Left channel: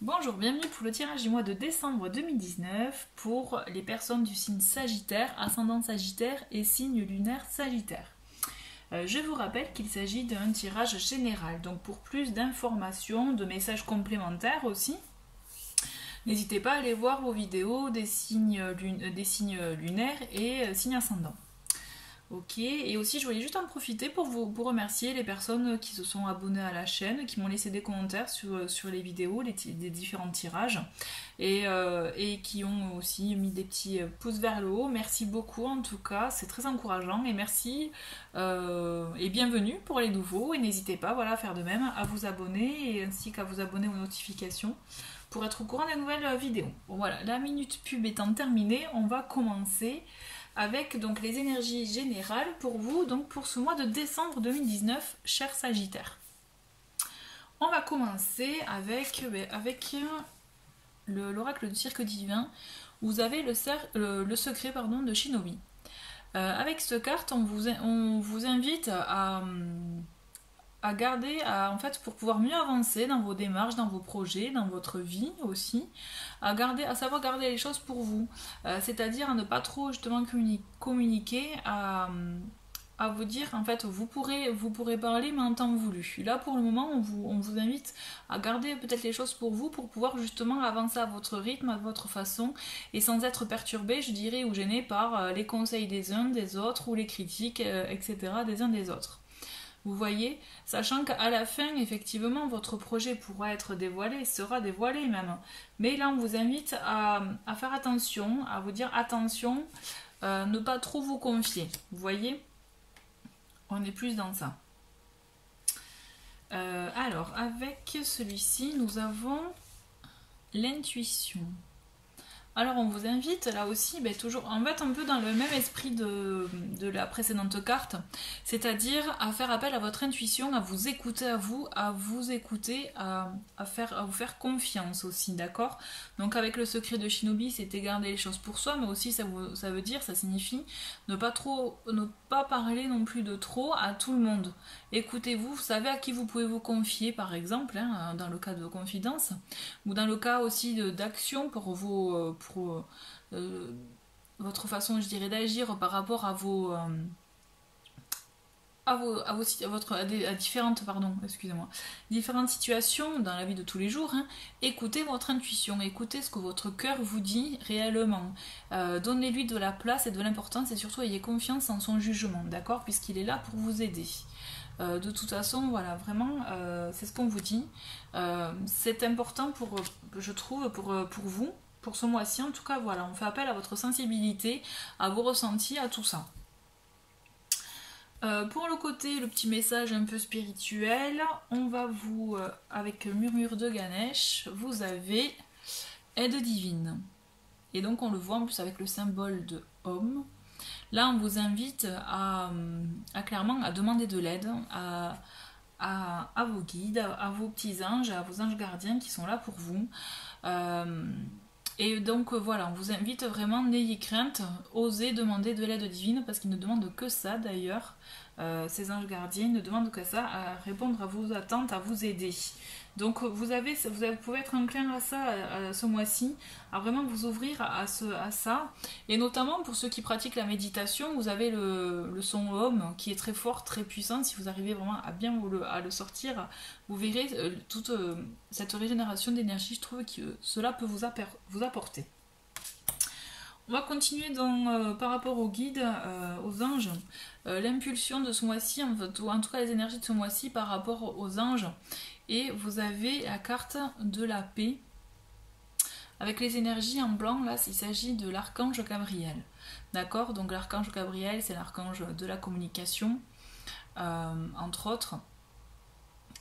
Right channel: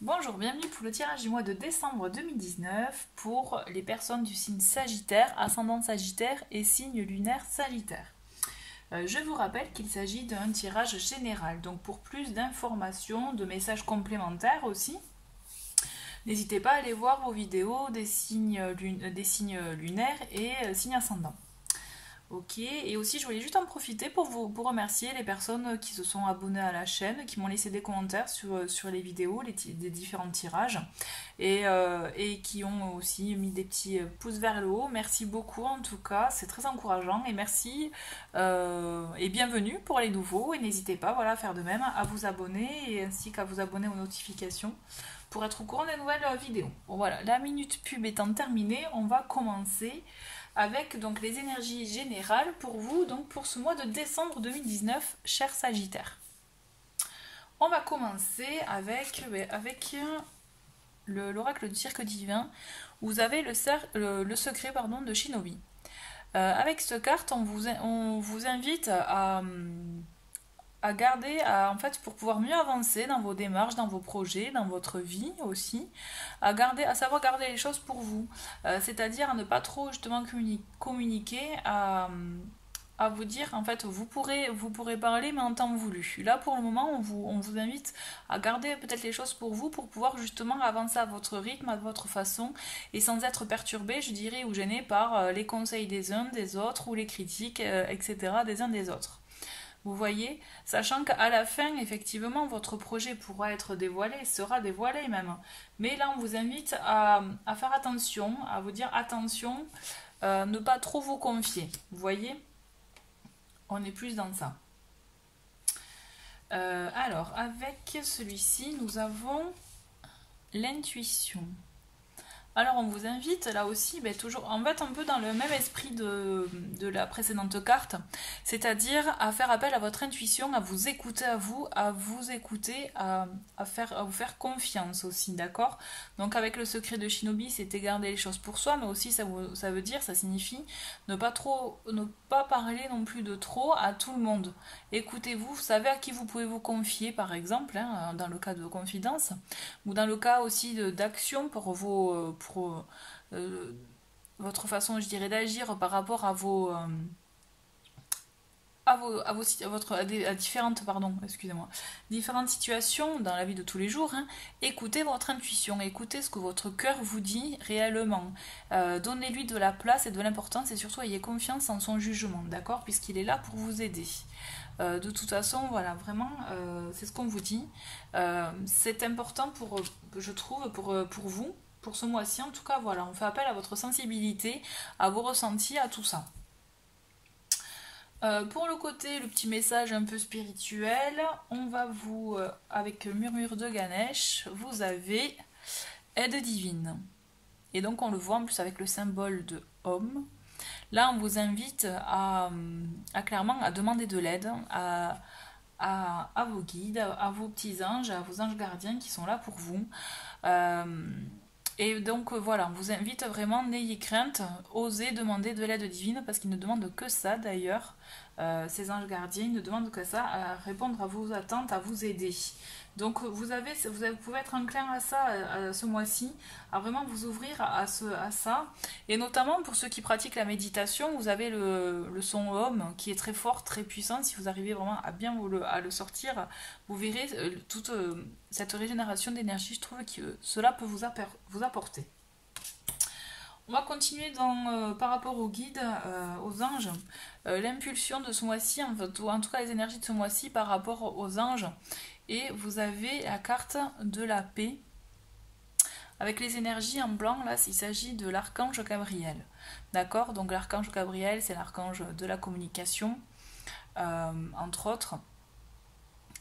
Bonjour, bienvenue pour le tirage du mois de décembre 2019 pour les personnes du signe Sagittaire, ascendant Sagittaire et signe lunaire Sagittaire. Je vous rappelle qu'il s'agit d'un tirage général, donc pour plus d'informations, de messages complémentaires aussi, n'hésitez pas à aller voir vos vidéos des signes lunaires et signes ascendants. Ok, et aussi je voulais juste en profiter pour vous remercier les personnes qui se sont abonnées à la chaîne, qui m'ont laissé des commentaires sur les vidéos, des différents tirages, et qui ont aussi mis des petits pouces vers le haut. Merci beaucoup en tout cas, c'est très encourageant, et merci et bienvenue pour les nouveaux, et n'hésitez pas voilà, à faire de même, à vous abonner, et ainsi qu'à vous abonner aux notifications pour être au courant des nouvelles vidéos. Bon, voilà, la minute pub étant terminée, on va commencer avec donc les énergies générales pour vous, donc pour ce mois de décembre 2019, cher Sagittaire. On va commencer avec l'oracle du cirque divin. Vous avez le secret de Shinobi. Avec cette carte, on vous invite à garder, en fait, pour pouvoir mieux avancer dans vos démarches, dans vos projets, dans votre vie aussi, à savoir garder les choses pour vous, c'est-à-dire à ne pas trop justement communiquer, à vous dire, en fait, vous pourrez parler, mais en temps voulu. Là, pour le moment, on vous invite à garder peut-être les choses pour vous, pour pouvoir justement avancer à votre rythme, à votre façon, et sans être perturbé, je dirais, ou gêné par les conseils des uns, des autres, ou les critiques, etc., des uns des autres. Vous voyez, sachant qu'à la fin, effectivement, votre projet pourra être dévoilé, sera dévoilé même. Mais là, on vous invite à faire attention, à vous dire attention, ne pas trop vous confier. Vous voyez, on est plus dans ça. Alors, avec celui-ci, nous avons l'intuition. Alors on vous invite là aussi, toujours en fait un peu dans le même esprit de la précédente carte, c'est-à-dire à faire appel à votre intuition, à vous écouter à vous écouter, à vous faire confiance aussi, d'accord? Donc avec le secret de Shinobi, c'était garder les choses pour soi, mais aussi ça signifie ne pas parler non plus de trop à tout le monde. Écoutez-vous, vous savez à qui vous pouvez vous confier par exemple, hein, dans le cas de vos confidences, ou dans le cas aussi d'action pour votre façon, je dirais, d'agir par rapport à différentes situations dans la vie de tous les jours, hein. Écoutez votre intuition, écoutez ce que votre cœur vous dit réellement. Donnez-lui de la place et de l'importance et surtout ayez confiance en son jugement, d'accord, puisqu'il est là pour vous aider. De toute façon, voilà, vraiment, c'est ce qu'on vous dit. C'est important je trouve, pour vous, pour ce mois-ci. En tout cas, voilà, on fait appel à votre sensibilité, à vos ressentis, à tout ça. Pour le petit message un peu spirituel, on va avec Murmure de Ganesh, vous avez aide divine. Et donc, on le voit en plus avec le symbole de homme. Là, on vous invite clairement à demander de l'aide à vos guides, à vos petits anges, à vos anges gardiens qui sont là pour vous. Et donc voilà, on vous invite vraiment, n'ayez crainte, osez demander de l'aide divine parce qu'ils ne demandent que ça d'ailleurs. Ces anges gardiens ne demandent que ça, à répondre à vos attentes, à vous aider. Donc vous pouvez être enclin à ça ce mois-ci, à vraiment vous ouvrir à ça. Et notamment pour ceux qui pratiquent la méditation, vous avez le son Om qui est très fort, très puissant. Si vous arrivez vraiment à bien à le sortir, vous verrez toute cette régénération d'énergie, je trouve que cela peut vous apporter. On va continuer par rapport aux guides, aux anges. L'impulsion de ce mois-ci, en tout cas les énergies de ce mois-ci par rapport aux anges. Et vous avez la carte de la paix. Avec les énergies en blanc, là, il s'agit de l'archange Gabriel. D'accord? Donc l'archange Gabriel, c'est l'archange de la communication, entre autres,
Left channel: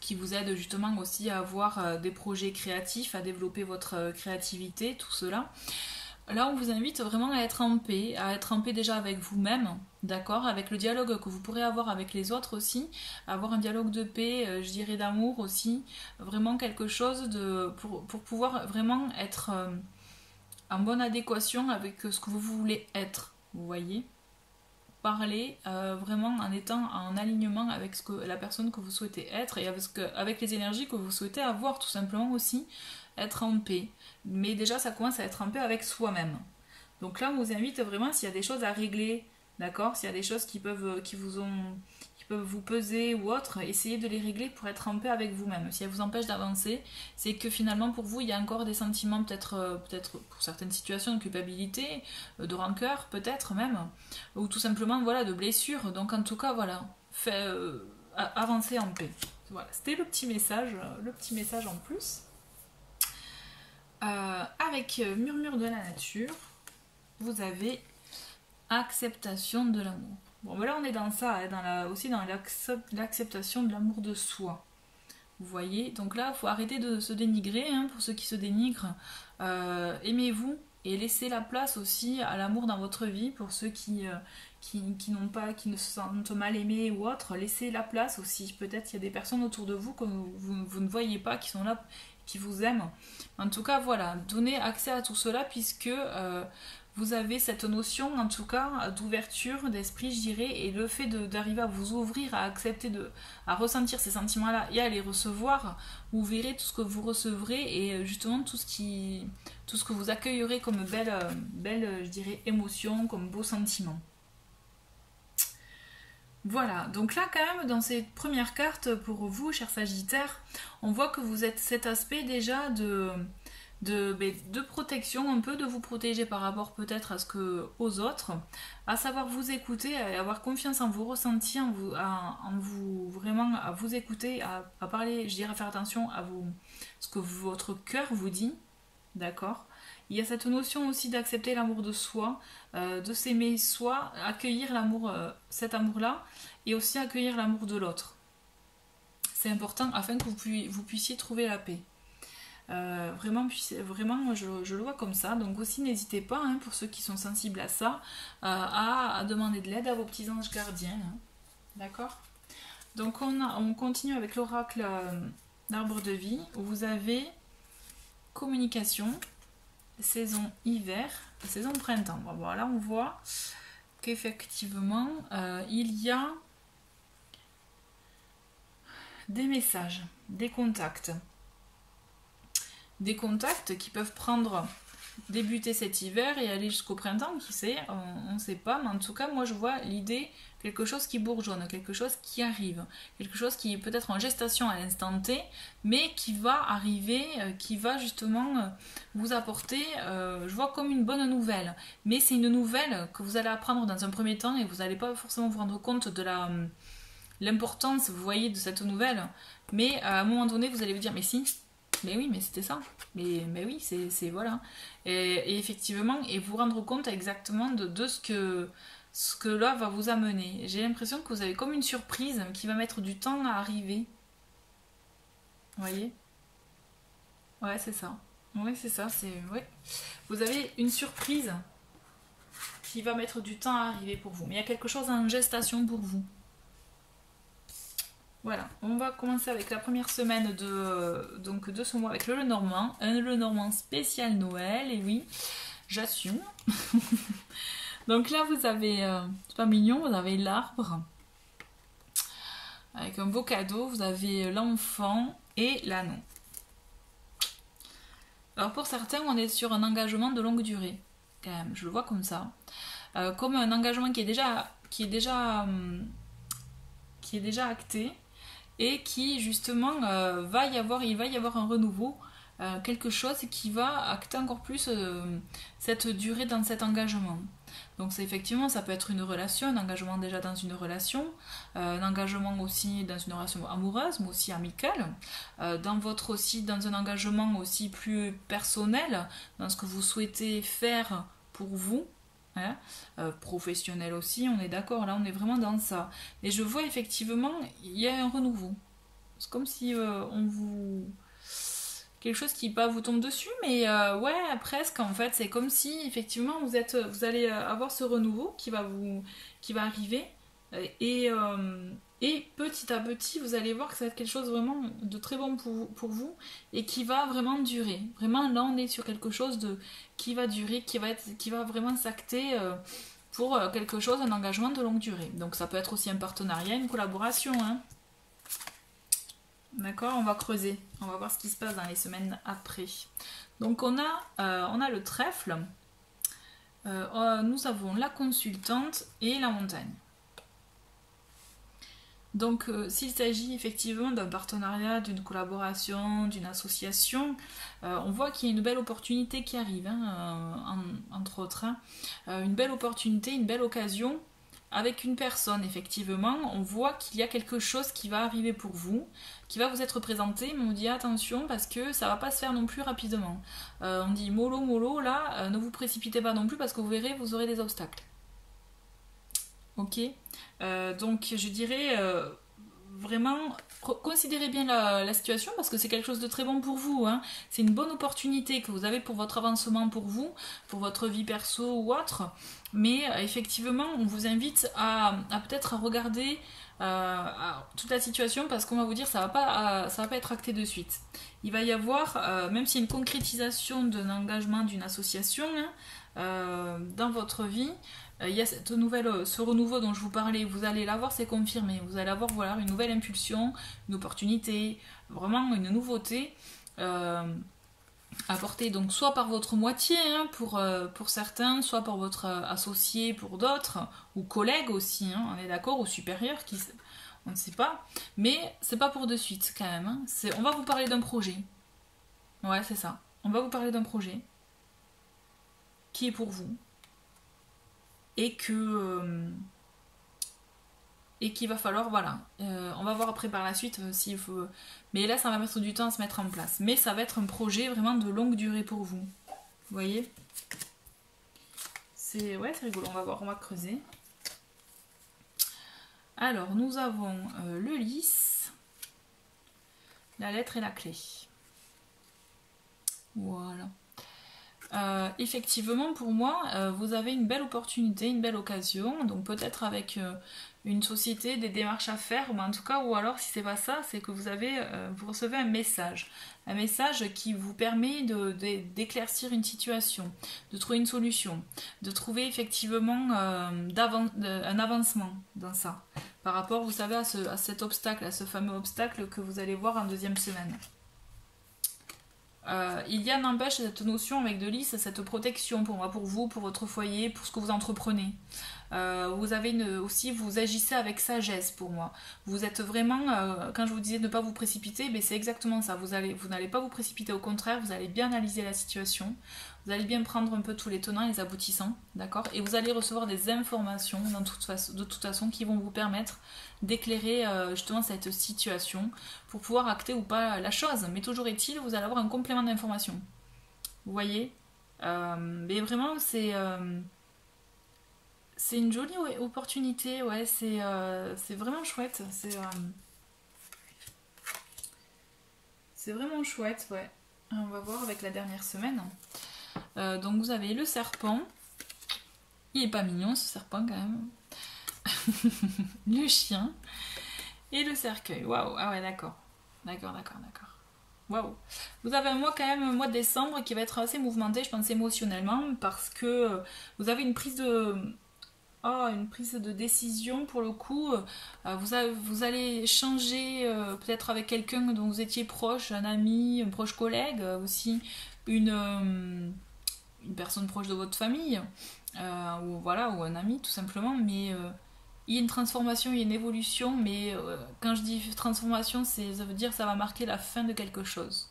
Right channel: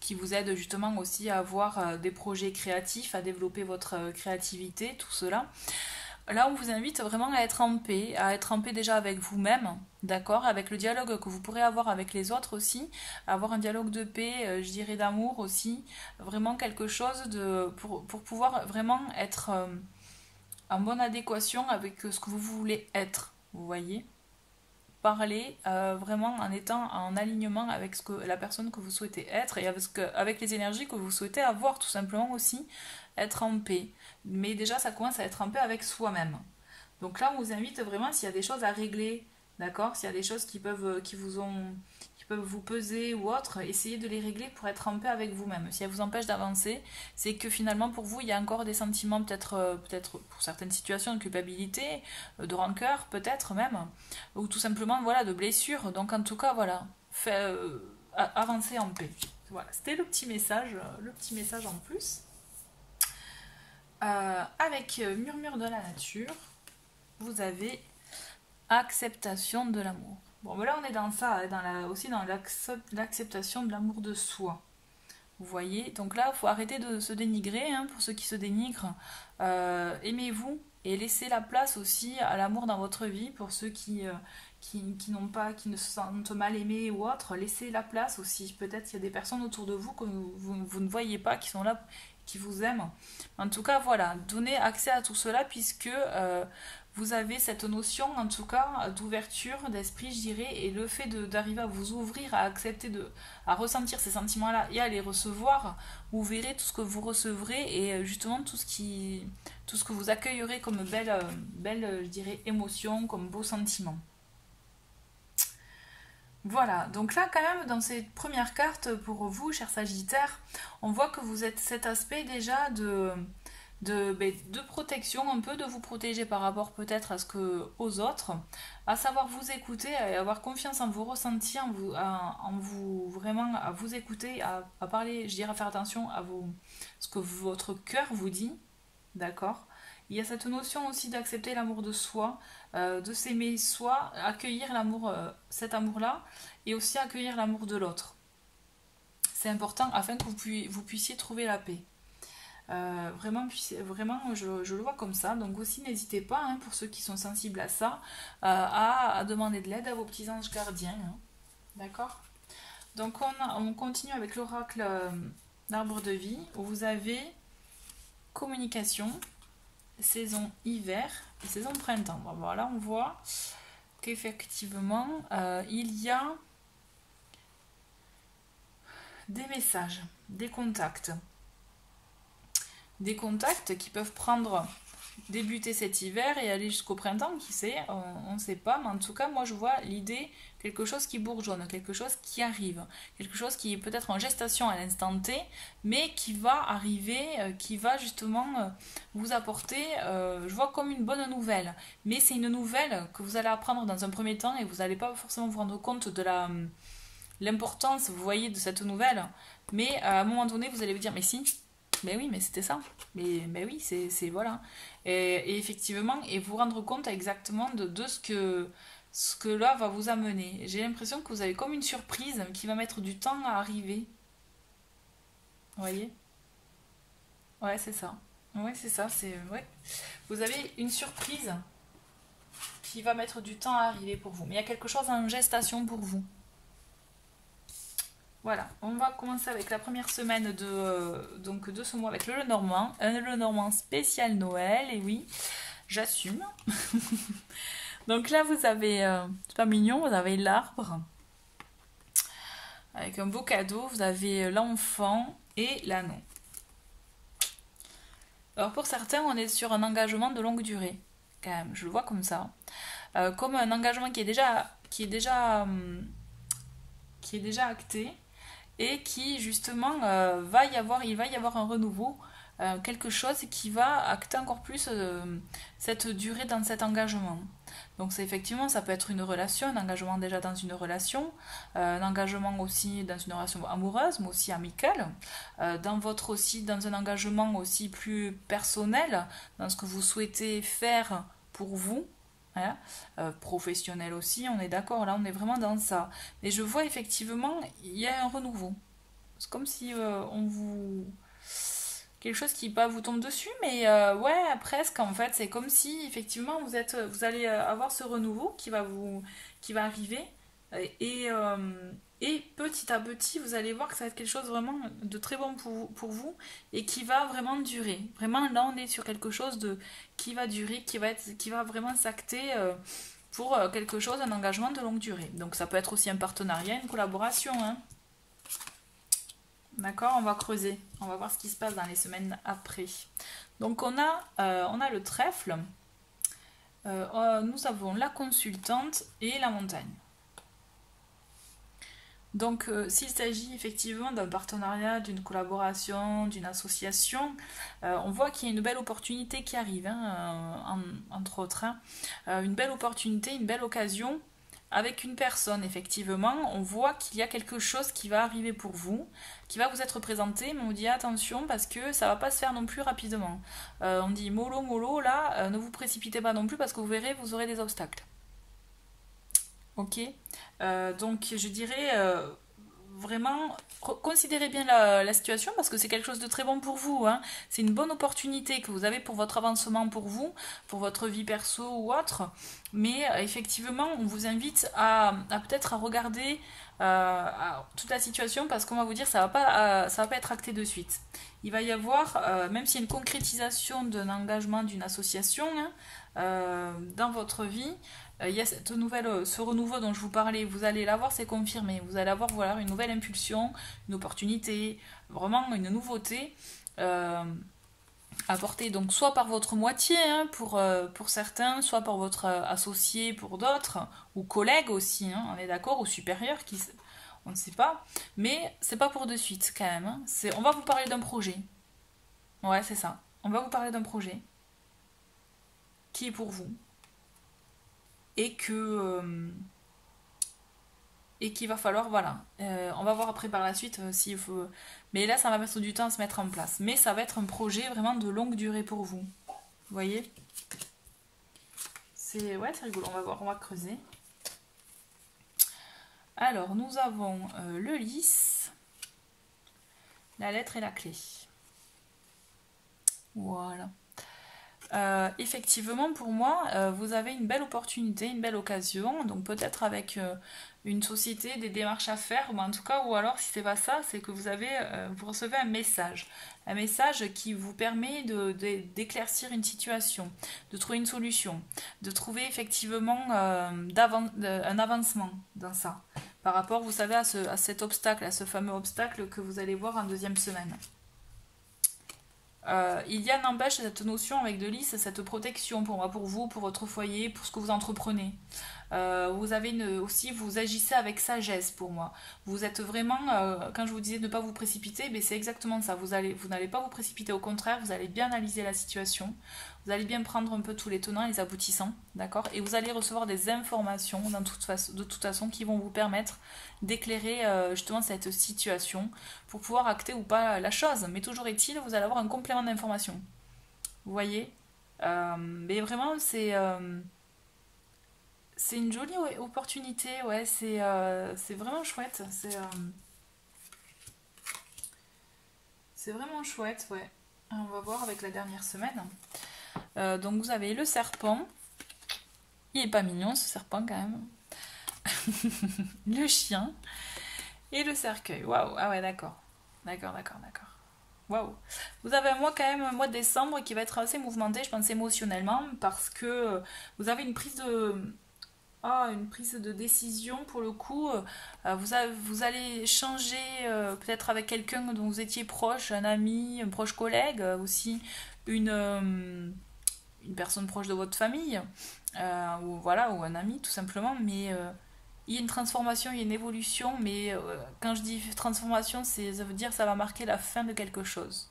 qui vous aide justement aussi à avoir des projets créatifs, à développer votre créativité, tout cela. Là, on vous invite vraiment à être en paix déjà avec vous-même, d'accord, avec le dialogue que vous pourrez avoir avec les autres aussi, avoir un dialogue de paix, je dirais d'amour aussi, vraiment quelque chose pour pouvoir vraiment être en bonne adéquation avec ce que vous voulez être, vous voyez. Parler vraiment en étant en alignement avec la personne que vous souhaitez être et avec les énergies que vous souhaitez avoir tout simplement aussi. être en paix. Mais déjà, ça commence à être en paix avec soi-même. Donc là, on vous invite vraiment, s'il y a des choses à régler, d'accord, s'il y a des choses qui peuvent vous peser ou autre, essayez de les régler pour être en paix avec vous-même. Si elles vous empêchent d'avancer, c'est que finalement pour vous il y a encore des sentiments peut-être pour certaines situations de culpabilité, de rancœur peut-être même, ou tout simplement voilà de blessures. Donc en tout cas voilà, avancer en paix. Voilà, c'était le petit message en plus. Avec Murmure de la nature, vous avez acceptation de l'amour. Bon, voilà, on est dans ça, aussi dans l'acceptation de l'amour de soi. Vous voyez, donc là, il faut arrêter de se dénigrer, hein, pour ceux qui se dénigrent. Aimez-vous et laissez la place aussi à l'amour dans votre vie, pour ceux qui ne se sentent mal aimés ou autre. Laissez la place aussi. Peut-être qu'il y a des personnes autour de vous que vous ne voyez pas, qui sont là, qui vous aiment. En tout cas, voilà, donnez accès à tout cela, puisque vous avez cette notion, en tout cas, d'ouverture d'esprit, je dirais, et le fait d'arriver à vous ouvrir, à accepter, à ressentir ces sentiments-là et à les recevoir, vous verrez tout ce que vous recevrez et justement tout ce que vous accueillerez comme belle, je dirais, émotion, comme beau sentiment. Voilà, donc là quand même dans cette première carte pour vous, chers Sagittaires, on voit que vous êtes cet aspect déjà de protection, un peu de vous protéger par rapport peut-être aux autres, à savoir vous écouter, à avoir confiance en vos ressentis, vraiment à vous écouter, à parler, je dirais à faire attention à ce que votre cœur vous dit, d'accord. Il y a cette notion aussi d'accepter l'amour de soi, de s'aimer soi, accueillir l'amour, cet amour-là, et aussi accueillir l'amour de l'autre. C'est important afin que vous puissiez trouver la paix. Vraiment, je le vois comme ça. Donc aussi, n'hésitez pas, hein, pour ceux qui sont sensibles à ça, à demander de l'aide à vos petits anges gardiens. Hein. D'accord ? Donc on continue avec l'oracle d'arbre de vie, où vous avez communication, saison hiver et saison printemps. Bon, voilà, on voit qu'effectivement, il y a des messages, des contacts qui peuvent débuter cet hiver et aller jusqu'au printemps, qui sait, on ne sait pas, mais en tout cas moi je vois l'idée, quelque chose qui bourgeonne, quelque chose qui arrive, quelque chose qui est peut-être en gestation à l'instant T, mais qui va arriver, qui va justement vous apporter, je vois comme une bonne nouvelle, mais c'est une nouvelle que vous allez apprendre dans un premier temps et vous n'allez pas forcément vous rendre compte de l'importance, vous voyez, de cette nouvelle, mais à un moment donné vous allez vous dire mais si, mais oui, mais c'était ça, mais oui, c'est voilà, et effectivement, et vous rendre compte exactement de ce que là va vous amener. J'ai l'impression que vous avez comme une surprise qui va mettre du temps à arriver. Vous voyez? Ouais, c'est ça. Ouais, c'est ça, ouais. Vous avez une surprise qui va mettre du temps à arriver pour vous, mais il y a quelque chose en gestation pour vous. Voilà, on va commencer avec la première semaine de ce mois avec le Lenormand. Un Lenormand spécial Noël, et oui, j'assume. Donc là, vous avez, c'est pas mignon, vous avez l'arbre. Avec un beau cadeau, vous avez l'enfant et l'anneau. Alors pour certains, on est sur un engagement de longue durée. Quand même, je le vois comme ça. Comme un engagement qui est déjà acté. Et qui justement il va y avoir un renouveau, quelque chose qui va acter encore plus cette durée dans cet engagement. Donc effectivement, ça peut être une relation, un engagement déjà dans une relation, un engagement aussi dans une relation amoureuse, mais aussi amicale, dans un engagement aussi plus personnel, dans ce que vous souhaitez faire pour vous. Hein, professionnel aussi, on est d'accord, là on est vraiment dans ça. Et je vois effectivement, il y a un renouveau. C'est comme si quelque chose qui vous tombe dessus, mais ouais, presque en fait. C'est comme si effectivement vous allez avoir ce renouveau qui va arriver, et petit à petit vous allez voir que ça va être quelque chose vraiment de très bon pour vous et qui va vraiment durer. Vraiment là on est sur quelque chose qui va durer, qui va vraiment s'acter pour quelque chose, un engagement de longue durée. Donc ça peut être aussi un partenariat, une collaboration, hein. D'accord, on va creuser. On va voir ce qui se passe dans les semaines après. Donc on a le trèfle. Nous avons la consultante et la montagne. Donc s'il s'agit effectivement d'un partenariat, d'une collaboration, d'une association, on voit qu'il y a une belle opportunité qui arrive, hein, entre autres. Hein. Une belle opportunité, une belle occasion avec une personne, effectivement. On voit qu'il y a quelque chose qui va arriver pour vous, qui va vous être présenté, mais on dit attention parce que ça va pas se faire non plus rapidement. On dit mollo, mollo, là, ne vous précipitez pas non plus parce que vous verrez, vous aurez des obstacles. Ok, donc je dirais vraiment considérez bien la situation parce que c'est quelque chose de très bon pour vous. Hein. C'est une bonne opportunité que vous avez pour votre avancement pour vous, pour votre vie perso ou autre. Mais effectivement, on vous invite à peut-être à regarder toute la situation parce qu'on va vous dire ça va pas être acté de suite. Il va y avoir, même s'il y a une concrétisation d'un engagement d'une association dans votre vie, il y a ce renouveau dont je vous parlais, vous allez l'avoir, c'est confirmé. Vous allez avoir voilà, une nouvelle impulsion, une opportunité, vraiment une nouveauté apportée donc soit par votre moitié hein, pour certains, soit par votre associé pour d'autres, ou collègue aussi, hein, on est d'accord, ou supérieur, on ne sait pas. Mais c'est pas pour de suite quand même. Hein. On va vous parler d'un projet. Ouais, c'est ça. On va vous parler d'un projet qui est pour vous. Et qu'il va falloir, voilà, on va voir après par la suite s'il faut, mais là ça va mettre du temps à se mettre en place, mais ça va être un projet vraiment de longue durée pour vous, vous voyez, c'est rigolo, on va voir, on va creuser. Alors nous avons le lys, la lettre et la clé, voilà. Effectivement, pour moi, vous avez une belle opportunité, une belle occasion, donc peut-être avec une société, des démarches à faire, mais en tout cas, ou alors si c'est pas ça, c'est que vous recevez un message qui vous permet d'éclaircir une situation, de trouver une solution, de trouver effectivement un avancement dans ça, par rapport, vous savez, à cet obstacle, à ce fameux obstacle que vous allez voir en deuxième semaine. Il y a n'empêche cette notion avec de lys, cette protection pour moi, pour vous, pour votre foyer, pour ce que vous entreprenez. Vous avez aussi, vous agissez avec sagesse pour moi. Vous êtes vraiment, quand je vous disais de ne pas vous précipiter, mais c'est exactement ça. Vous n'allez pas vous précipiter, au contraire, vous allez bien analyser la situation. Vous allez bien prendre un peu tous les tenants et les aboutissants, d'accord? Et vous allez recevoir des informations de toute façon qui vont vous permettre d'éclairer justement cette situation pour pouvoir acter ou pas la chose. Mais toujours est-il, vous allez avoir un complément d'information. Vous voyez mais vraiment, c'est une jolie opportunité, ouais, c'est vraiment chouette. C'est vraiment chouette, ouais. On va voir avec la dernière semaine. Donc vous avez le serpent. Il est pas mignon ce serpent quand même. Le chien et le cercueil. Waouh, ah ouais, d'accord. D'accord. Waouh. Vous avez un mois quand même, un mois de décembre qui va être assez mouvementé, je pense émotionnellement, parce que vous avez une prise de décision pour le coup. Vous allez changer peut-être avec quelqu'un dont vous étiez proche, un ami, un proche collègue, aussi une personne proche de votre famille, ou un ami tout simplement, mais il y a une transformation, il y a une évolution, mais quand je dis transformation, ça veut dire que ça va marquer la fin de quelque chose.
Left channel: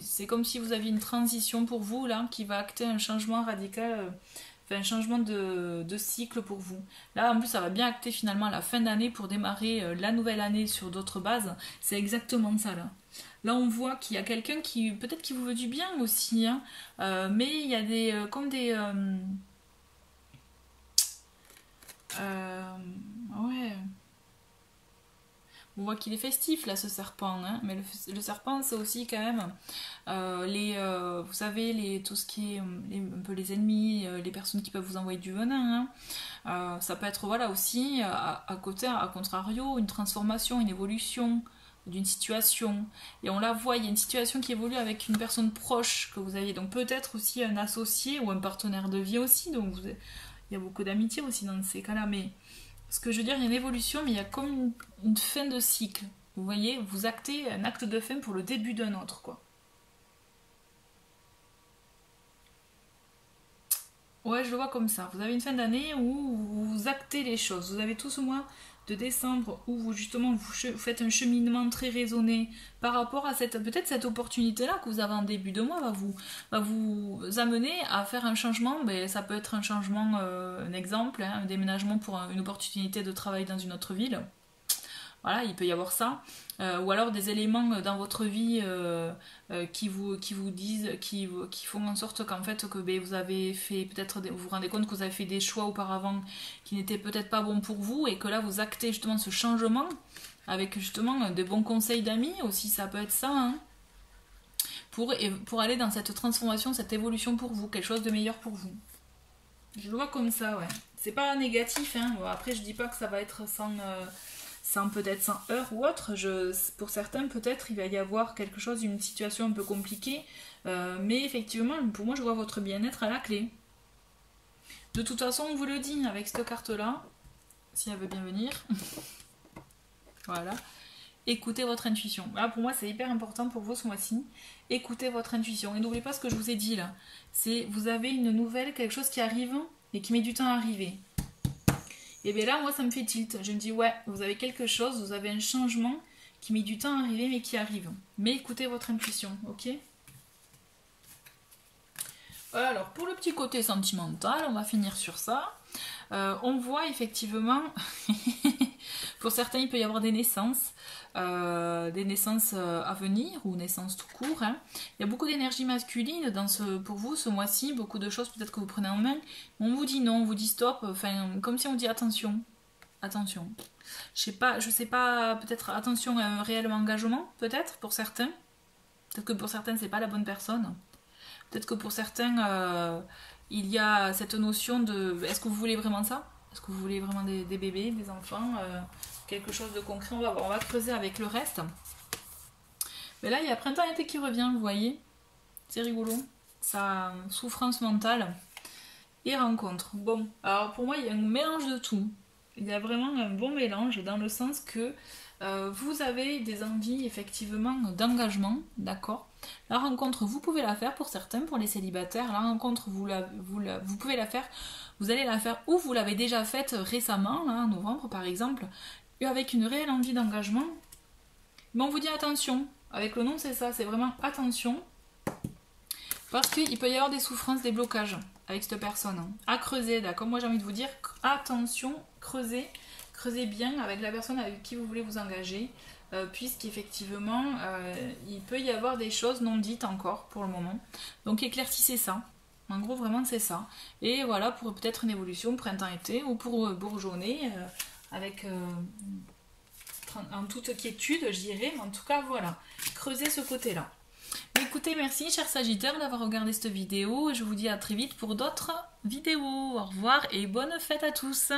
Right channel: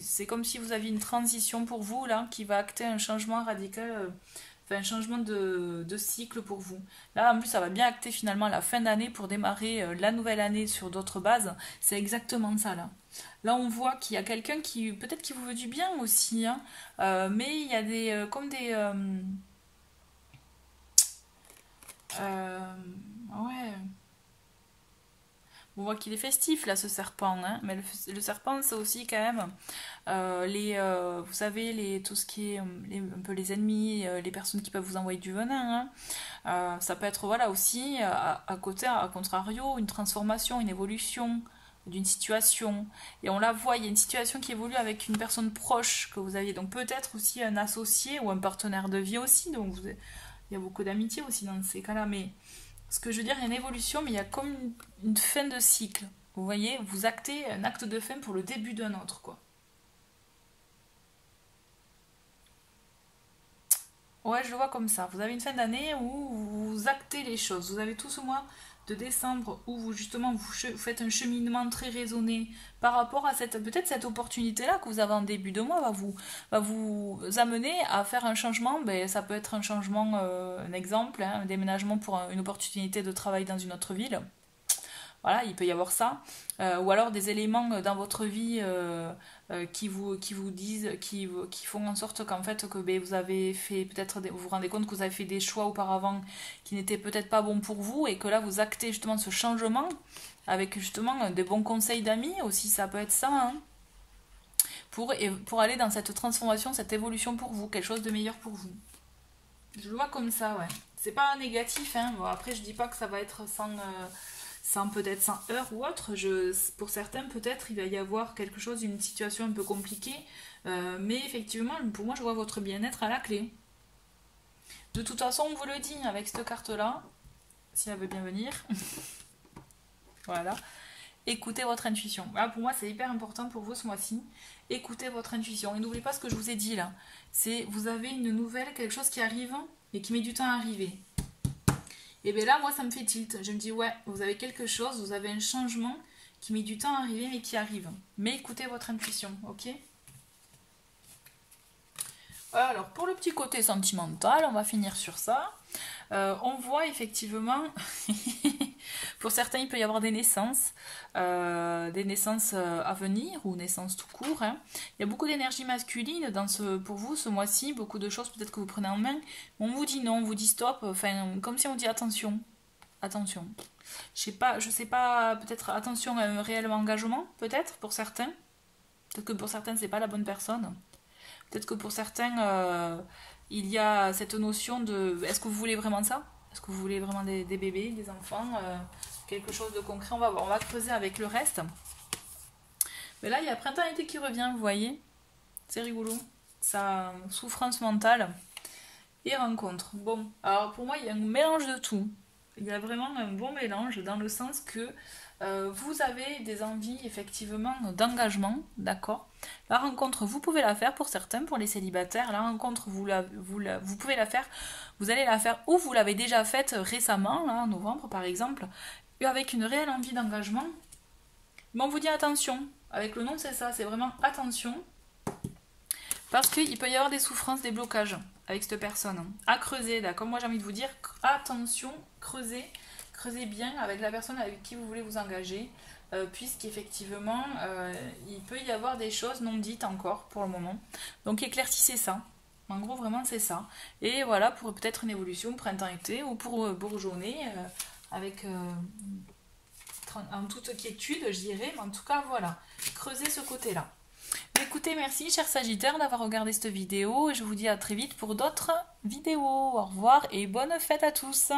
C'est comme si vous aviez une transition pour vous là, qui va acter un changement radical, un changement de cycle pour vous. Là, en plus, ça va bien acter finalement la fin d'année pour démarrer la nouvelle année sur d'autres bases. C'est exactement ça là. Là, on voit qu'il y a quelqu'un qui, peut-être qui vous veut du bien aussi, hein, mais il y a ouais. On voit qu'il est festif là, ce serpent, hein, mais le serpent, c'est aussi quand même vous savez, tout ce qui est un peu les ennemis, les personnes qui peuvent vous envoyer du venin. Hein. Ça peut être voilà aussi à côté, à contrario, une transformation, une évolution d'une situation. Et on la voit, il y a une situation qui évolue avec une personne proche que vous avez, donc peut-être aussi un associé ou un partenaire de vie aussi. Donc il y a beaucoup d'amitié aussi dans ces cas-là, mais ce que je veux dire, il y a une évolution, mais il y a comme une fin de cycle. Vous voyez, vous actez un acte de fin pour le début d'un autre, quoi. Ouais, je le vois comme ça. Vous avez une fin d'année où vous actez les choses. Vous avez tout ce mois de décembre où vous justement vous faites un cheminement très raisonné par rapport à peut-être cette opportunité-là que vous avez en début de mois va vous amener à faire un changement. Ben, ça peut être un changement, un exemple, hein, un déménagement pour une opportunité de travail dans une autre ville. Voilà, il peut y avoir ça. Ou alors des éléments dans votre vie qui vous disent, qui font en sorte qu'en fait, que ben, vous avez fait, peut-être, vous vous rendez compte que vous avez fait des choix auparavant qui n'étaient peut-être pas bons pour vous et que là, vous actez justement ce changement avec justement des bons conseils d'amis aussi, ça peut être ça, hein, pour aller dans cette transformation, cette évolution pour vous, quelque chose de meilleur pour vous. Je le vois comme ça, ouais. C'est pas négatif, hein. Bon, après, je dis pas que ça va être peut-être sans heurts ou autre. Pour certains, peut-être, il va y avoir quelque chose, une situation un peu compliquée. Mais effectivement, pour moi, je vois votre bien-être à la clé. De toute façon, on vous le dit avec cette carte-là, si elle veut bien venir. Voilà. Écoutez votre intuition. Voilà, pour moi, c'est hyper important pour vous ce mois-ci. Écoutez votre intuition. Et n'oubliez pas ce que je vous ai dit là. C'est, vous avez une nouvelle, quelque chose qui arrive, mais qui met du temps à arriver. Et bien là, moi, ça me fait tilt. Je me dis, ouais, vous avez quelque chose, vous avez un changement qui met du temps à arriver, mais qui arrive. Mais écoutez votre intuition, ok? Voilà, alors, pour le petit côté sentimental, on va finir sur ça. On voit effectivement, pour certains, il peut y avoir des naissances à venir, ou naissances tout court. Hein. Il y a beaucoup d'énergie masculine pour vous ce mois-ci, beaucoup de choses peut-être que vous prenez en main. On vous dit non, on vous dit stop, enfin, comme si on dit attention. Attention. Je sais pas, peut-être attention à un réel engagement, peut-être pour certains. Peut-être que pour certains, c'est pas la bonne personne. Peut-être que pour certains, il y a cette notion de est-ce que vous voulez vraiment ça? Est-ce que vous voulez vraiment des bébés, des enfants, quelque chose de concret? On va creuser avec le reste. Mais là, il y a printemps-été qui revient, vous voyez? C'est rigolo. Ça, souffrance mentale et rencontre. Bon, alors pour moi, il y a un mélange de tout. Il y a vraiment un bon mélange dans le sens que vous avez des envies effectivement d'engagement, d'accord? La rencontre, vous pouvez la faire pour certains, pour les célibataires. La rencontre, vous pouvez la faire, vous allez la faire ou vous l'avez déjà faite récemment, là, en novembre par exemple, avec une réelle envie d'engagement. Mais on vous dit attention, avec le nom c'est ça, c'est vraiment attention, parce qu'il peut y avoir des souffrances, des blocages avec cette personne. À creuser, là, comme moi j'ai envie de vous dire, attention, creusez bien avec la personne avec qui vous voulez vous engager. Puisqu'effectivement, il peut y avoir des choses non dites encore pour le moment. Donc éclaircissez ça. En gros, vraiment, c'est ça. Et voilà, pour peut-être une évolution printemps-été ou pour bourgeonner avec en toute quiétude, je dirais. Mais en tout cas, voilà. Creusez ce côté-là. Écoutez, merci, chers Sagittaires, d'avoir regardé cette vidéo. Et je vous dis à très vite pour d'autres vidéos. Au revoir et bonne fête à tous.